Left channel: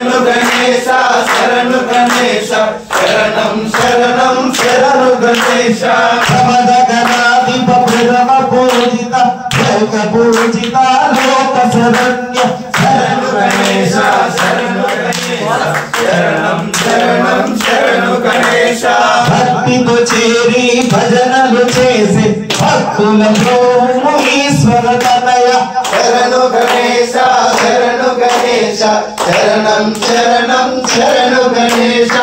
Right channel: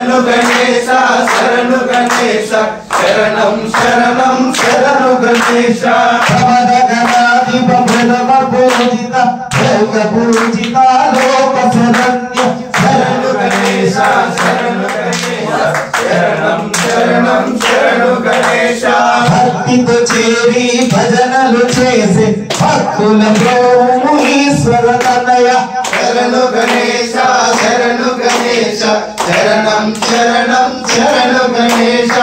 गणेश शरणु गणेश शरणं शरणं शरणु गणेश समदगणाधिप भैरव पूजित दैव पूजित लोक शरण्य शरणु गणेश शरणु गणेश शरणं शरणं शरणु गणेश भक्तितो చేరి భజనలు చేసి భక్తుల ప్రేమను ఈశ్వర తనయ శరణు గణేశ శరణు గణేశ శరణం శరణం శరణు గణేశ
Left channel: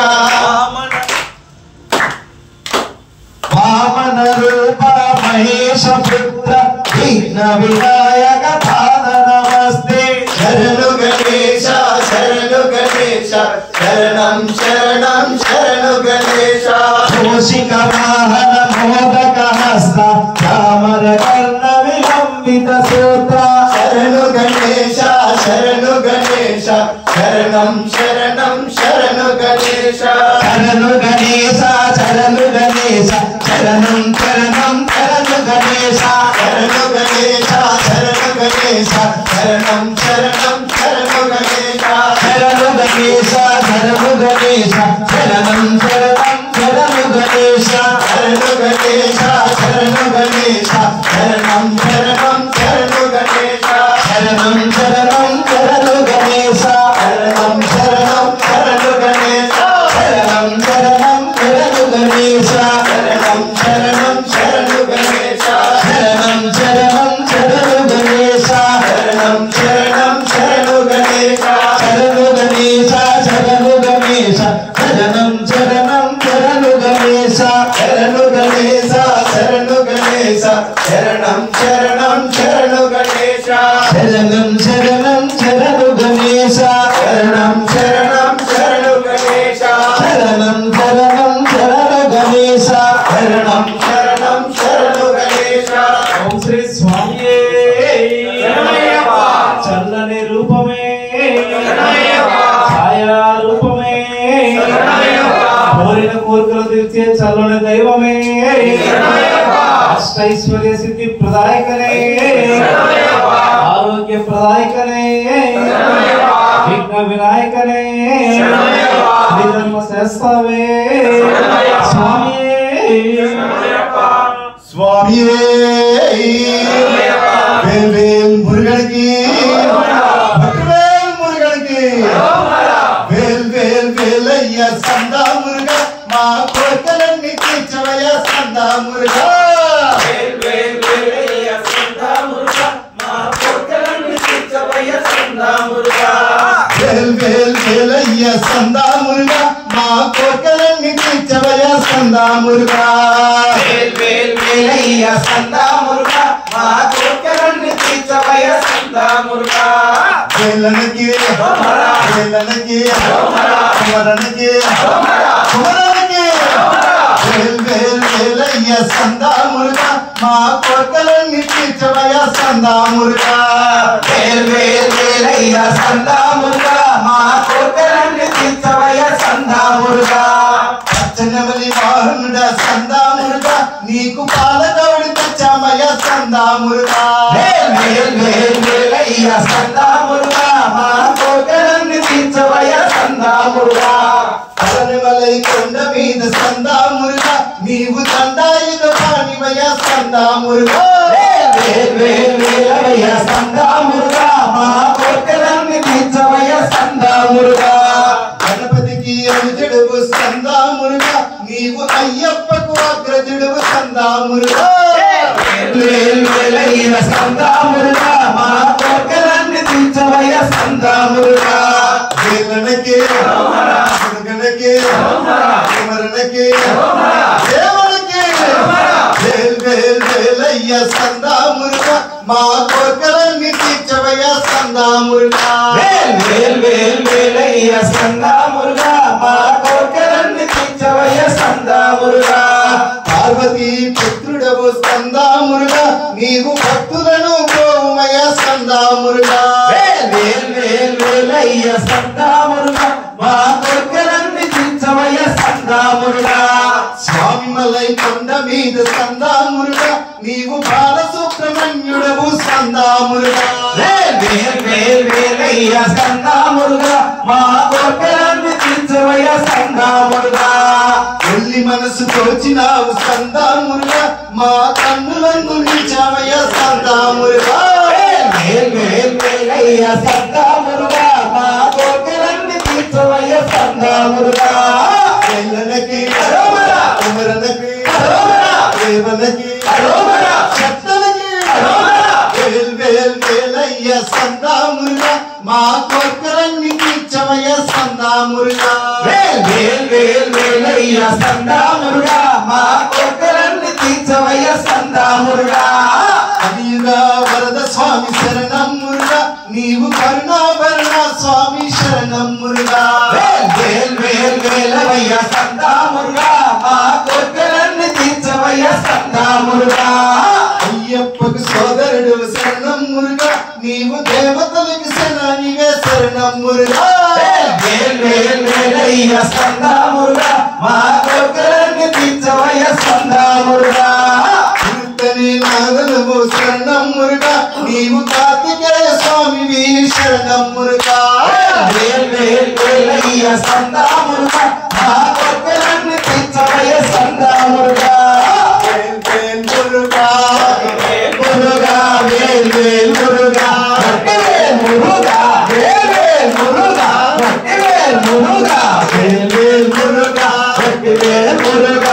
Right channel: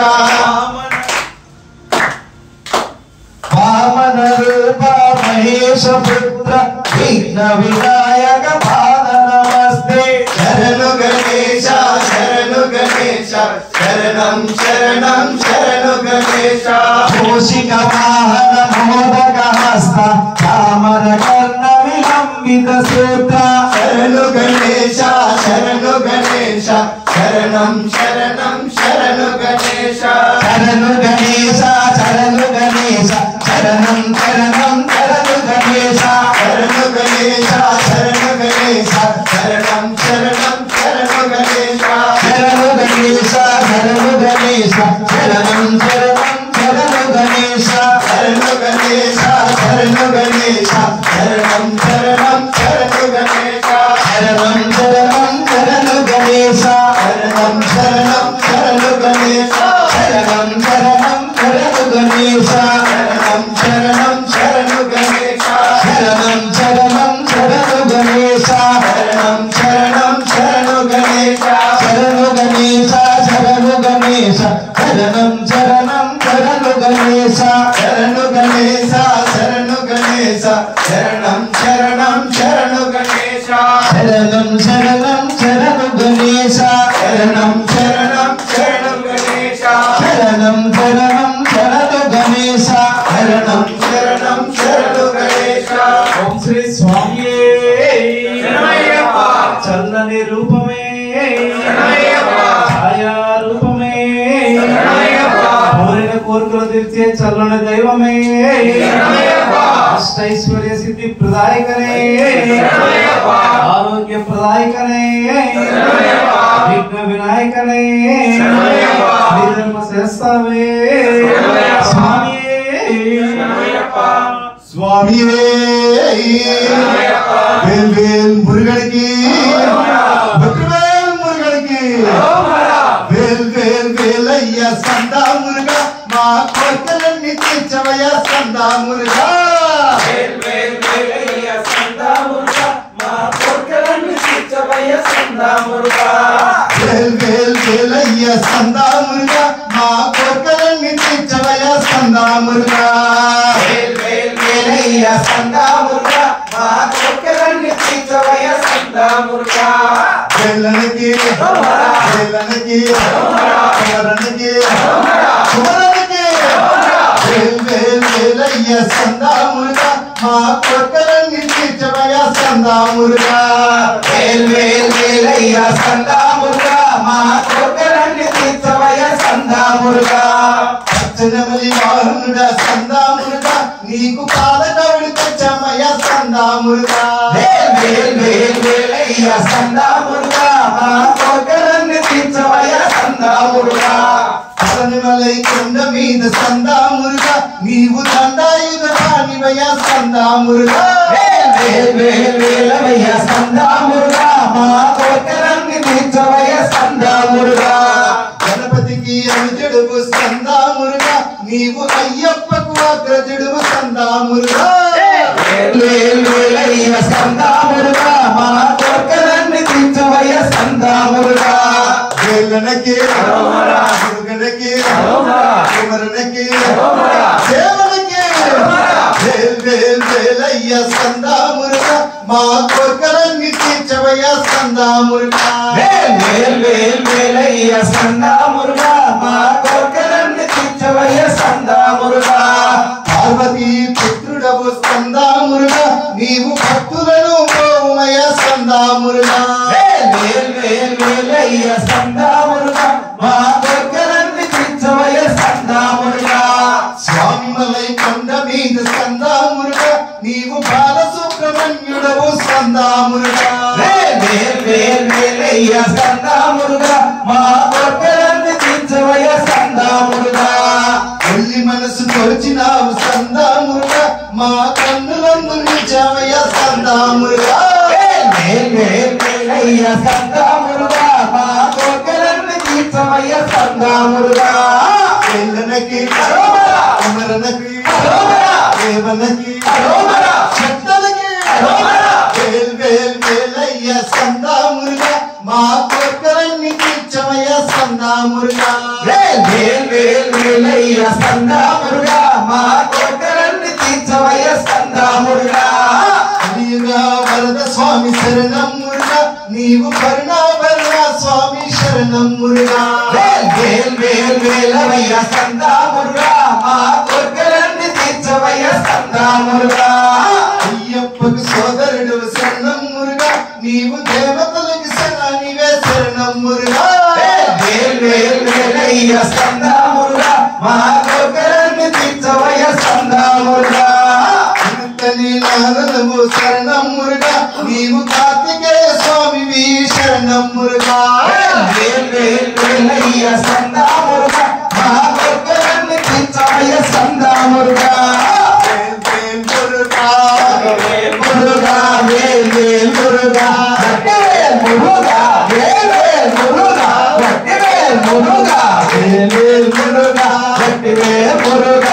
వామన రూప మహేశ పుత్ర విఘ్న వినాయక పాద నమస్తే శరణు గణేశ శరణు గణేశ శరణం శరణం శరణు గణేశ మూషిక వాహన మోదక హస్త చామర కర్ణ విలంబిత సూత్ర శరణు గణేశ శరణు గణేశ శరణం శరణం శరణు గణేశ శరణు గణేశ శరణు గణేశ శరణం శరణం శరణు గణేశ శరణు గణేశ శరణు గణేశ శరణం శరణం శరణు గణేశ శరణు గణేశ శరణు గణేశ శరణం శరణం శరణు గణేశ శరణు గణేశ శరణు గణేశ శరణం శరణం శరణు గణేశ శరణం శరణం శరణు గణేశ శరణం శరణం శరణు గణేశ శరణం శరణం శరణు గణేశ శరణం శరణం శరణు గణేశ శరణం శరణం శరణు గణేశ శరణం శరణం శరణు గణేశ శరణు గణేశ శరణు గణేశ శరణం శరణం శరణు గణేశ శరణు గణేశ శరణు గణేశ శరణం శరణం శరణు గణేశ శరణం శరణం శరణు గణేశ శరణం శరణం శరణు గణేశ శరణం శరణం శరణు గణేశ శరణం శరణం శరణు గణేశ ఓం శ్రీ స్వామియే శరణమయ్యప్ప చల్లని రూపమే శరణమయ్యప్ప ఛాయా రూపమే శరణమయ్యప్ప కోరిన కోరికలు తీర్చే చల్లని దైవమే శరణమయ్యప్ప అష్టైశ్వర్య సిద్ధి ప్రదాయకనే శరణమయ్యప్ప ఆరోగ్య ప్రదాయకనే శరణమయ్యప్ప విఘ్న వినాయకనే శరణమయ్యప్ప ధర్మ శాస్త్రమే స్వామియే శరణమయ్యప్ప స్వామియే వేల్ వేల్ మురుగడికి వేల్ మురుగడికి వేల్ వేల్ వేలయ్య సందా మురుగా మా కోరికలన్నీ తీర్చవయ్య సందా మురుగా వేల్ వేల్ వేలయ్య సందా మురుగా మా కోరికలన్నీ తీర్చవయ్య సందా మురుగా వేల్ వేల్ వేలయ్య సందా మురుగా మా కోరికలన్నీ తీర్చవయ్య సందా మురుగా వేల్ వేల్ వేలయ్య సందా మురుగా మా కోరికలన్నీ తీర్చవయ్య సందా మురుగా వేలనకి వేలనకి కుమరనకి కుమరనకి వేల్ వేల్ వేలయ్య సందా మురుగా మా కోరికలన్నీ తీర్చవయ్య సందా మురుగా వేల్ వేల్ వేలయ్య సందా మురుగా మా కోరికలన్నీ తీర్చవయ్య సందా మురుగా పచ్చనమలి మోహనుడ సందా మురుగా నీకు పాలకవిడి తెచ్చమయ్య సందా మురుగా వేల్ వేల్ వేల్ వేలయ్య సందా మురుగా మా కోరికలన్నీ తీర్చవయ్య సందా మురుగా పచ్చనమలి కొండ మీద సందా మురుగా నీవు దండాయుధ పాణివయ్య సందా మురుగా వేల్ వేల్ వేల్ వేలయ్య సందా మురుగా మా కోరికలన్నీ తీర్చవయ్య సందా మురుగా గణపతికి అనుజుడువు సందా మురుగా నీవు అయ్యప్పకు అగ్రజుడువు సందా మురుగా వేల్ వేల్ వేలయ్య సందా మురుగా మా కోరికలన్నీ తీర్చవయ్య సందా మురుగా వేలనకి మురుగనకి కుమరనకి దేవనకి వేల్ వేల్ వేలయ్య సందా మురుగా మా కోరికలన్నీ తీర్చవయ్య సందా మురుగా వేల్ వేల్ వేల్ వేలయ్య సందా మురుగా మా కోరికలన్నీ తీర్చవయ్య సందా మురుగా పార్వతీ పుత్రుడవు సందా మురుగా నీవు భక్తులను గోమయ సందా మురుగా వేల్ వేల్ వేల్ వేలయ్య సందా మురుగా మా కోరికలన్నీ తీర్చవయ్య సందా మురుగా స్వామి మలై కొండ మీద సందా మురుగా నీవు బాల సుబ్రహ్మణ్యుడవు సందా మురుగా వేల్ వేల్ వేల్ వేలయ్య స్కంద మురుగా మా కోర్కెలన్నీ తీర్చవయ్య స్కంద మురుగా ఒల్లి మనసు తోచినావు స్కంద మురుగా మా కన్నులందు నిలిచావయ్య స్కంద మురుగా వేల్ వేల్ వేలయ్య స్కంద మురుగా మా కోర్కెలన్నీ తీర్చవయ్య స్కంద మురుగా వేలనకి అరోమరా కుమరనకి అరోమరా దేవనకి అరోమరా శక్తనకి అరోమరా వేల్ వేల్ వేలయ్య స్కంద మురుగా మా కోర్కెలన్నీ తీర్చవయ్య స్కంద మురుగా వేల్ వేల్ వేల్ వేలయ్య స్కంద మురుగా మా కోర్కెలన్నీ తీర్చవయ్య స్కంద మురుగా కలియుగా వరద స్వామి శరణం మురుగా నీవు కరుణాభరణ స్వామి శరణం మురుగా వేల్ వేల్ వేల్ వేలయ్య స్కంద మురుగా మా కోర్కెలన్నీ తీర్చవయ్య స్కంద మురుగా అయ్యప్పకు సోదరుడు శరణం మురుగా నీవు దేవతలకు శరణివే శరణం మురుగా వేల్ వేల్ వేలయ్య స్కంద మురుగా మా కోర్కెలన్నీ తీర్చవయ్య స్కంద మురుగా కీర్తని నాదనము శరణం మురుగా నీవు కార్తికేయ స్వామివి శరణం మురుగా వేల్ వేల్ వేలయ్య స్కంద మురుగా మా కోర్కెలన్నీ తీర్చవయ్య స్కంద మురుగా వేల్ వేల్ మురుగా మురుగా వేల్ వేల్ మురుగా మురుగా వేల్ వేల్ మురుగా వేల్ మురుగా వేల్ వేల్ మురుగా వేల్ మురుగా